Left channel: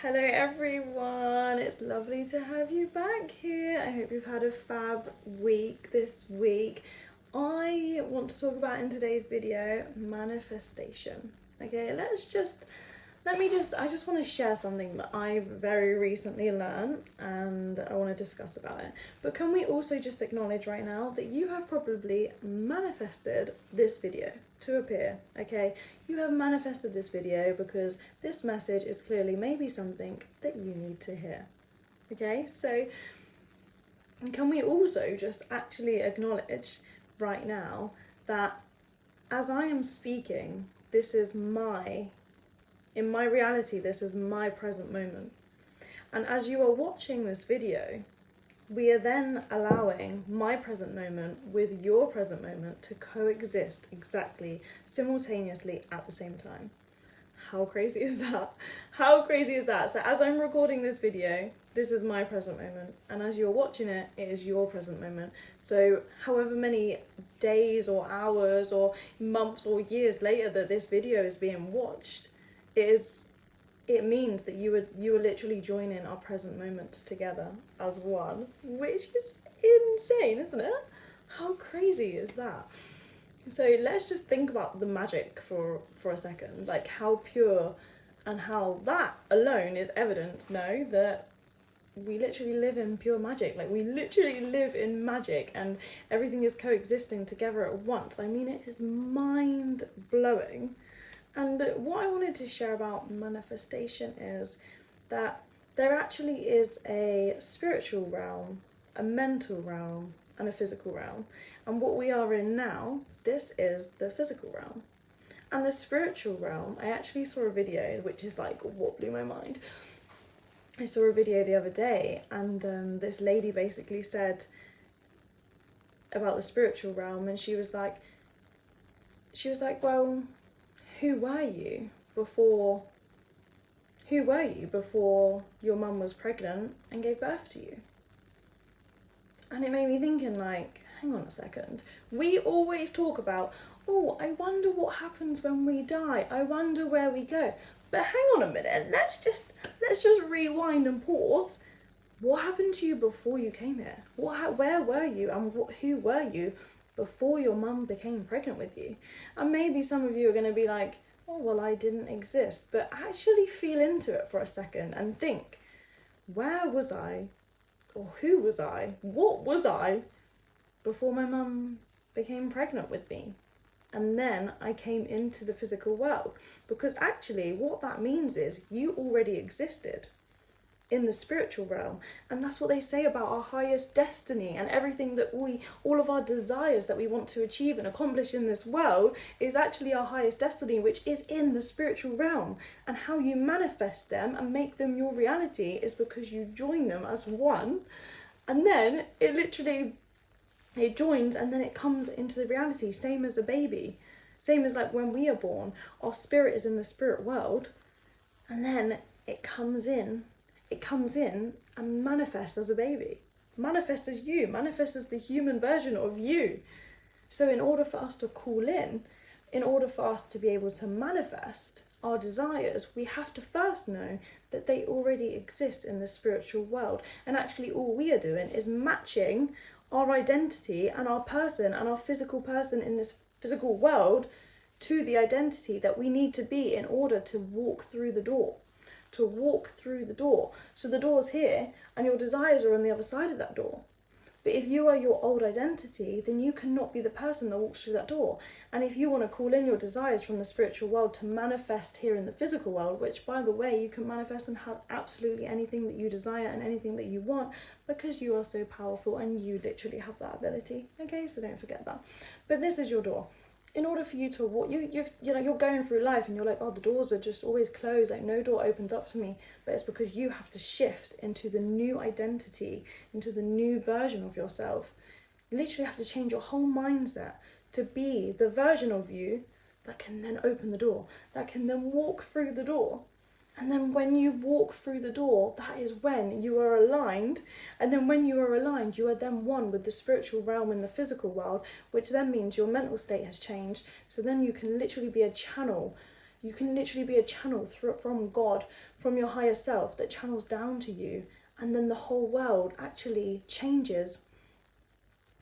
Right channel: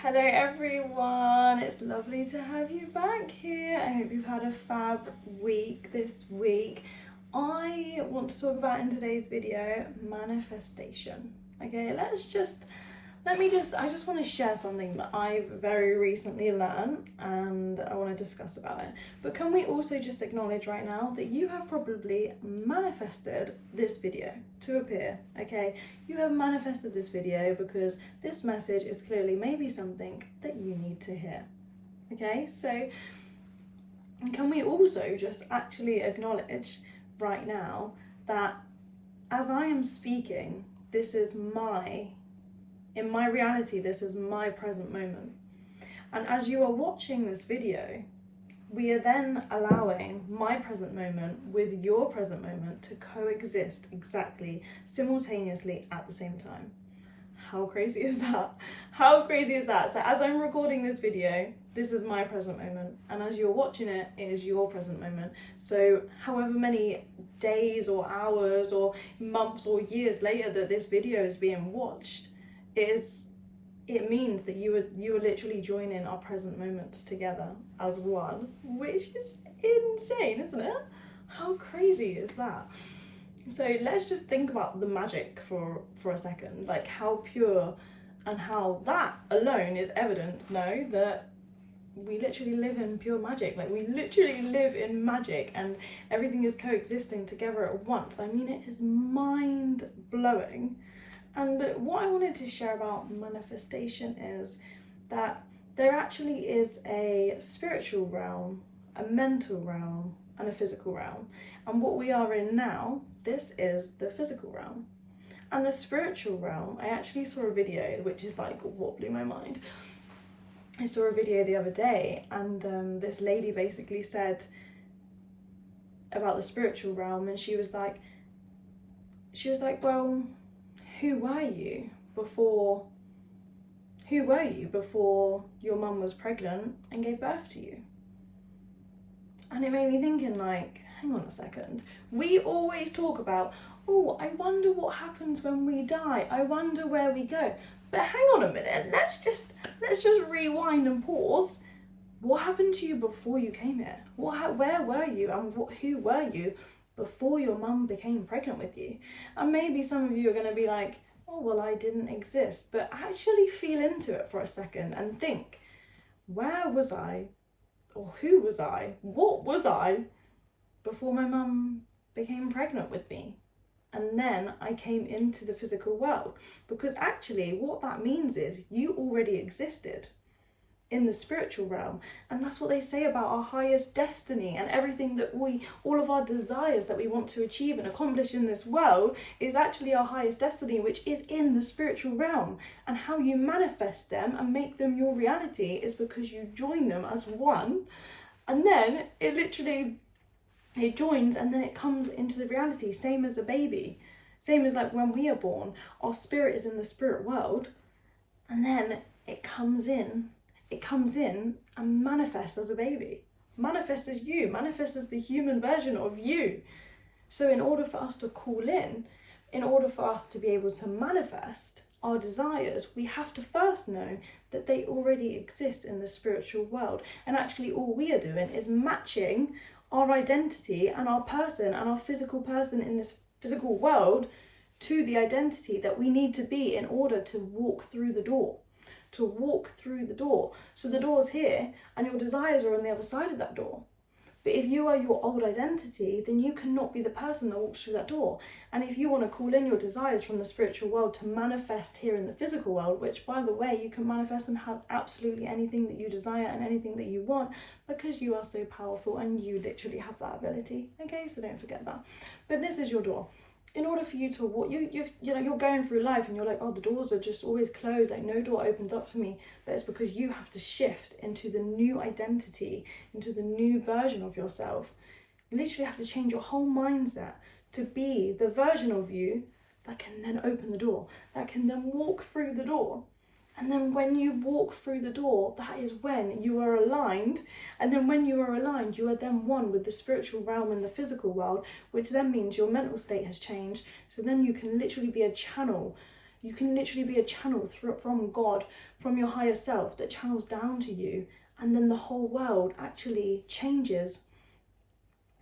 Hello everyone, it's lovely to have you back here. I hope you've had a fab week this week. I want to talk about in today's video manifestation. Okay, I just want to share something that I've very recently learned and I want to discuss about it. But can we also just acknowledge right now that you have probably manifested this video to appear, okay? You have manifested this video because this message is clearly maybe something that you need to hear, okay? So can we also just actually acknowledge right now that as I am speaking, in my reality, this is my present moment. And as you are watching this video, we are then allowing my present moment with your present moment to coexist exactly simultaneously at the same time. How crazy is that? How crazy is that? So as I'm recording this video, this is my present moment, and as you're watching it, it is your present moment. So however many days or hours or months or years later that this video is being watched, it means that you are literally joining our present moments together as one, which is insane, isn't it? How crazy is that? So let's just think about the magic for a second, like how pure and how that alone is evidence, no, that we literally live in pure magic. Like we literally live in magic and everything is coexisting together at once. I mean, it is mind blowing. And what I wanted to share about manifestation is that there actually is a spiritual realm, a mental realm, and a physical realm. And what we are in now, this is the physical realm. And the spiritual realm, I actually saw a video, which is like what blew my mind. I saw a video the other day, and this lady basically said about the spiritual realm, and she was like, well, who were you before your mum was pregnant and gave birth to you? And it made me thinking, like, hang on a second. We always talk about, oh, I wonder what happens when we die. I wonder where we go. But hang on a minute. Let's just rewind and pause. What happened to you before you came here? Where were you and who were you before your mum became pregnant with you? And maybe some of you are going to be like, oh, well, I didn't exist. But actually feel into it for a second and think, where was I? Or who was I? What was I before my mum became pregnant with me? And then I came into the physical world. Because actually what that means is you already existed in the spiritual realm, and that's what they say about our highest destiny and everything that all of our desires that we want to achieve and accomplish in this world is actually our highest destiny, which is in the spiritual realm. And how you manifest them and make them your reality is because you join them as one, and then it joins and then it comes into the reality. Same as a baby, same as like when we are born, our spirit is in the spirit world, and then it comes in and manifests as a baby, manifests as you, manifests as the human version of you. So in order for us to call in order for us to be able to manifest our desires, we have to first know that they already exist in the spiritual world. And actually all we are doing is matching our identity and our person and our physical person in this physical world to the identity that we need to be in order to walk through the door. So the door's here and your desires are on the other side of that door. But if you are your old identity, then you cannot be the person that walks through that door. And if you want to call in your desires from the spiritual world to manifest here in the physical world, which by the way, you can manifest and have absolutely anything that you desire and anything that you want, because you are so powerful and you literally have that ability. Okay, so don't forget that. But this is your door. In order for you to walk, you're going through life and you're like, oh, the doors are just always closed, like no door opens up for me. But it's because you have to shift into the new identity, into the new version of yourself. You literally have to change your whole mindset to be the version of you that can then open the door, that can then walk through the door. And then when you walk through the door, that is when you are aligned. And then when you are aligned, you are then one with the spiritual realm and the physical world, which then means your mental state has changed. So then you can literally be a channel You can literally be a channel from God, from your higher self, that channels down to you, and then the whole world actually changes.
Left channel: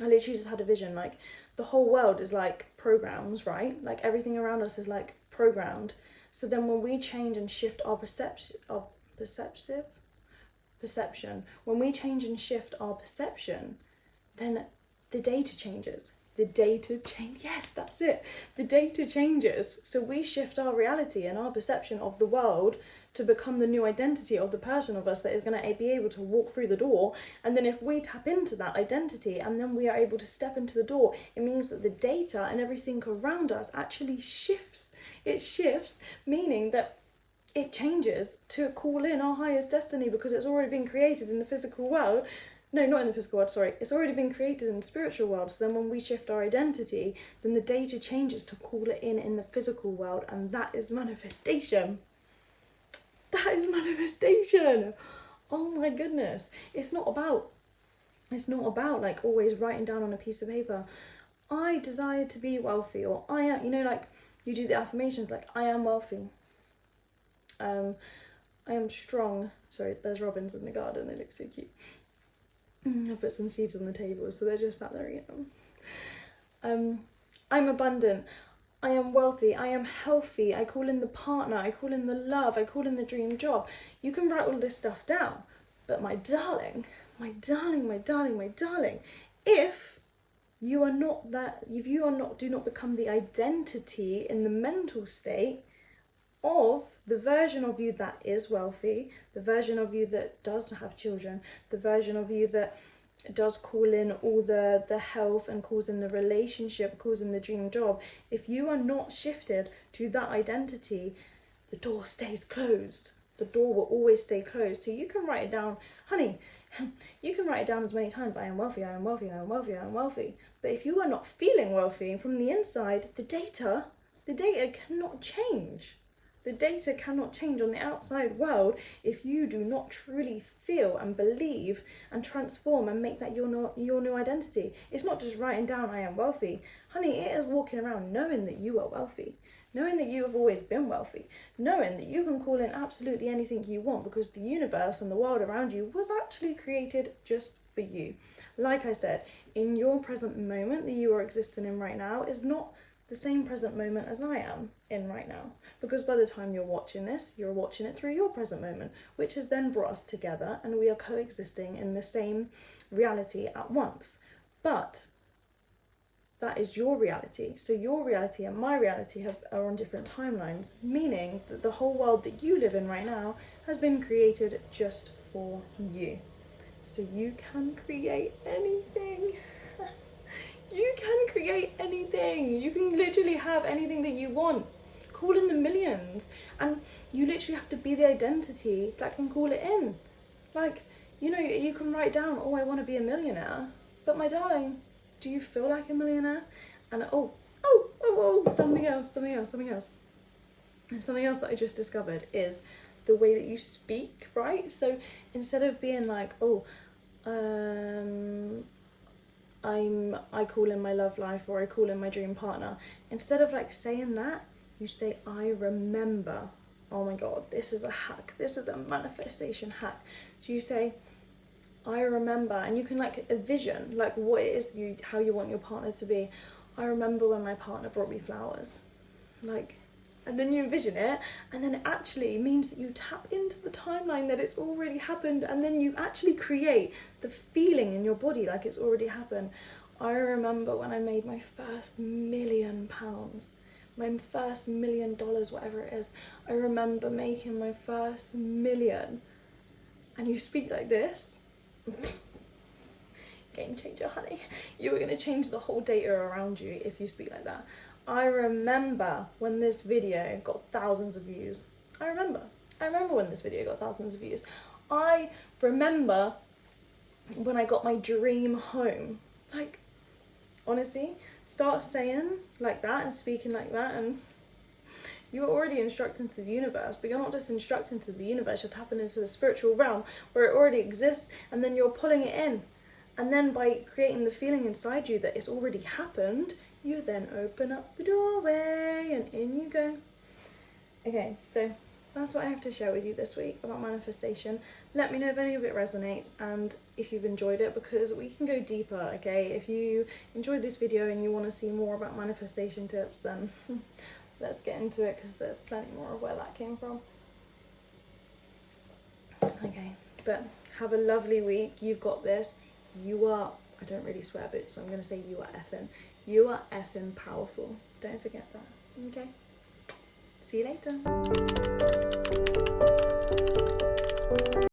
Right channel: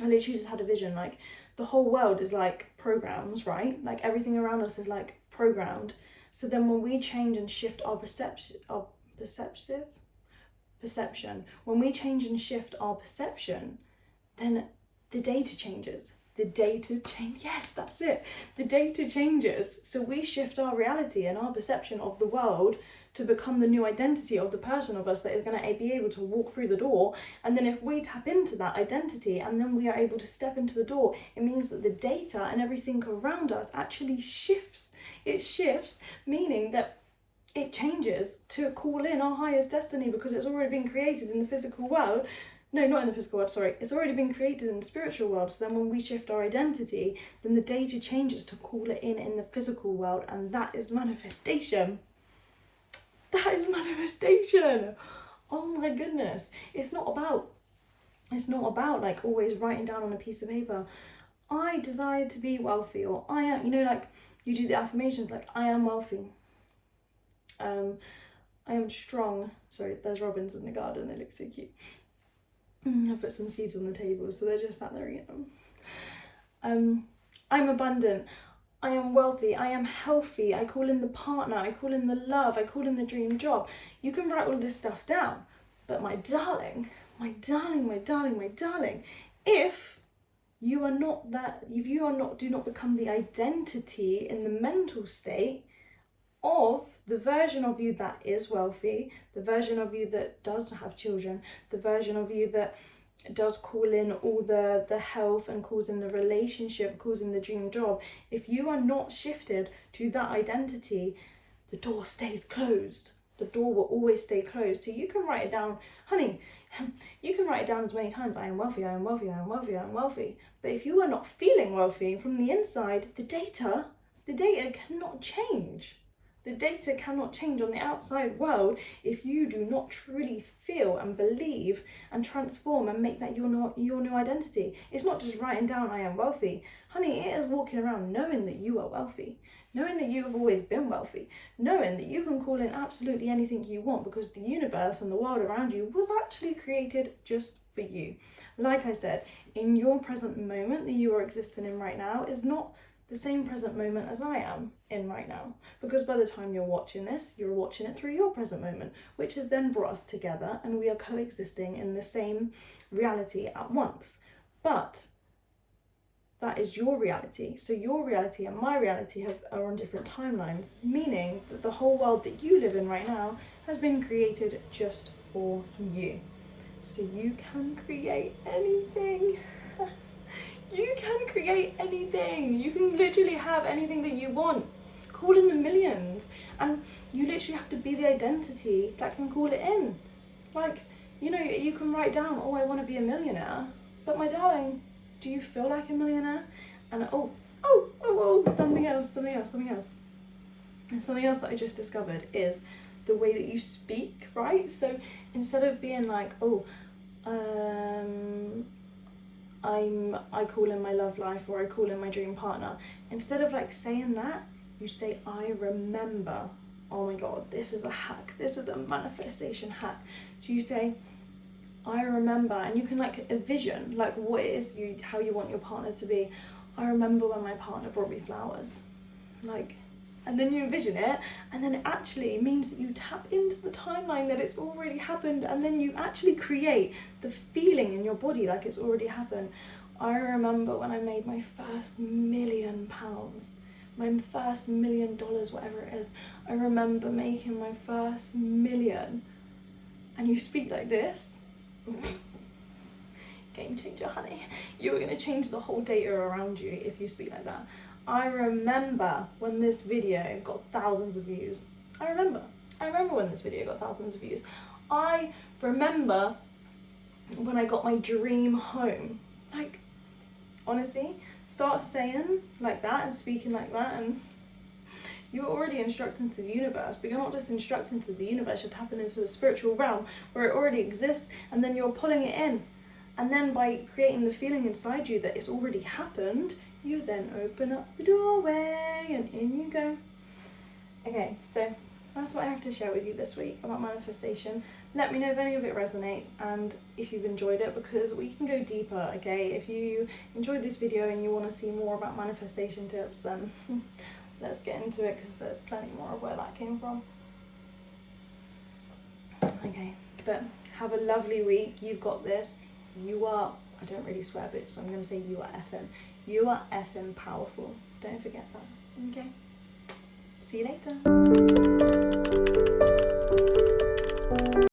I literally just had a vision, like the whole world is like programs, right? Like everything around us is like programmed. So then when we change and shift our perception, when we change and shift our perception, then the data changes. Yes, that's it. The data changes. So we shift our reality and our perception of the world to become the new identity of the person of us that is going to be able to walk through the door. And then if we tap into that identity and then we are able to step into the door, it means that the data and everything around us actually shifts. It shifts, meaning that it changes to call in our highest destiny, because it's already been created in the physical world. No, not in the physical world, sorry. It's already been created in the spiritual world. So then when we shift our identity, then the data changes to call it in the physical world. And that is manifestation. That is manifestation. Oh my goodness. It's not about like always writing down on a piece of paper, I desire to be wealthy, or I am, you know, like you do the affirmations, like I am wealthy. I am strong. Sorry, there's robins in the garden. They look so cute. I put some seeds on the table, so they're just sat there eating them. I'm abundant. I am wealthy. I am healthy. I call in the partner. I call in the love. I call in the dream job. You can write all this stuff down. But my darling, if you are not that, if you are not, do not become the identity in the mental state of the version of you that is wealthy, the version of you that does have children, the version of you that does call in all the health and calls in the relationship, calls in the dream job, if you are not shifted to that identity, the door stays closed. The door will always stay closed. So you can write it down, honey, you can write it down as many times, I am wealthy, I am wealthy, I am wealthy, I am wealthy. But if you are not feeling wealthy from the inside, the data cannot change. The data cannot change on the outside world if you do not truly feel and believe and transform and make that your new identity. It's not just writing down, I am wealthy. Honey, it is walking around knowing that you are wealthy, knowing that you have always been wealthy, knowing that you can call in absolutely anything you want, because the universe and the world around you was actually created just for you. Like I said, in your present moment that you are existing in right now is not the same present moment as I am in right now, because by the time you're watching this, you're watching it through your present moment, which has then brought us together and we are coexisting in the same reality at once. But that is your reality. So your reality and my reality are on different timelines, meaning that the whole world that you live in right now has been created just for you. So you can create anything. You can create anything. You can literally have anything that you want. Call in the millions. And you literally have to be the identity that can call it in. Like, you know, you can write down, oh, I want to be a millionaire. But my darling, do you feel like a millionaire? And something else. Something else that I just discovered is the way that you speak, right? So instead of being like, I call in my love life, or I call in my dream partner, instead of like saying that, you say, I remember. Oh my God, this is a hack. This is a manifestation hack. So you say, I remember, and you can like envision like what it is how you want your partner to be. I remember when my partner brought me flowers, like, and then you envision it, and then it actually means that you tap into the timeline that it's already happened, and then you actually create the feeling in your body like it's already happened. I remember when I made my first £1 million, my first $1 million, whatever it is. I remember making my first million. And you speak like this. Game changer, honey. You're going to change the whole data around you if you speak like that. I remember when this video got thousands of views. I remember when this video got thousands of views. I remember when I got my dream home. Like, honestly, start saying like that and speaking like that, and you're already instructing to the universe. But you're not just instructing to the universe, you're tapping into the spiritual realm where it already exists, and then you're pulling it in. And then by creating the feeling inside you that it's already happened, you then open up the doorway and in you go. Okay, so that's what I have to share with you this week about manifestation. Let me know if any of it resonates and if you've enjoyed it, because we can go deeper, okay? If you enjoyed this video and you want to see more about manifestation tips, then let's get into it, because there's plenty more of where that came from. Okay, but have a lovely week. You've got this. You are, I don't really swear, but so I'm going to say you are effing powerful. Don't forget that, okay? See you later.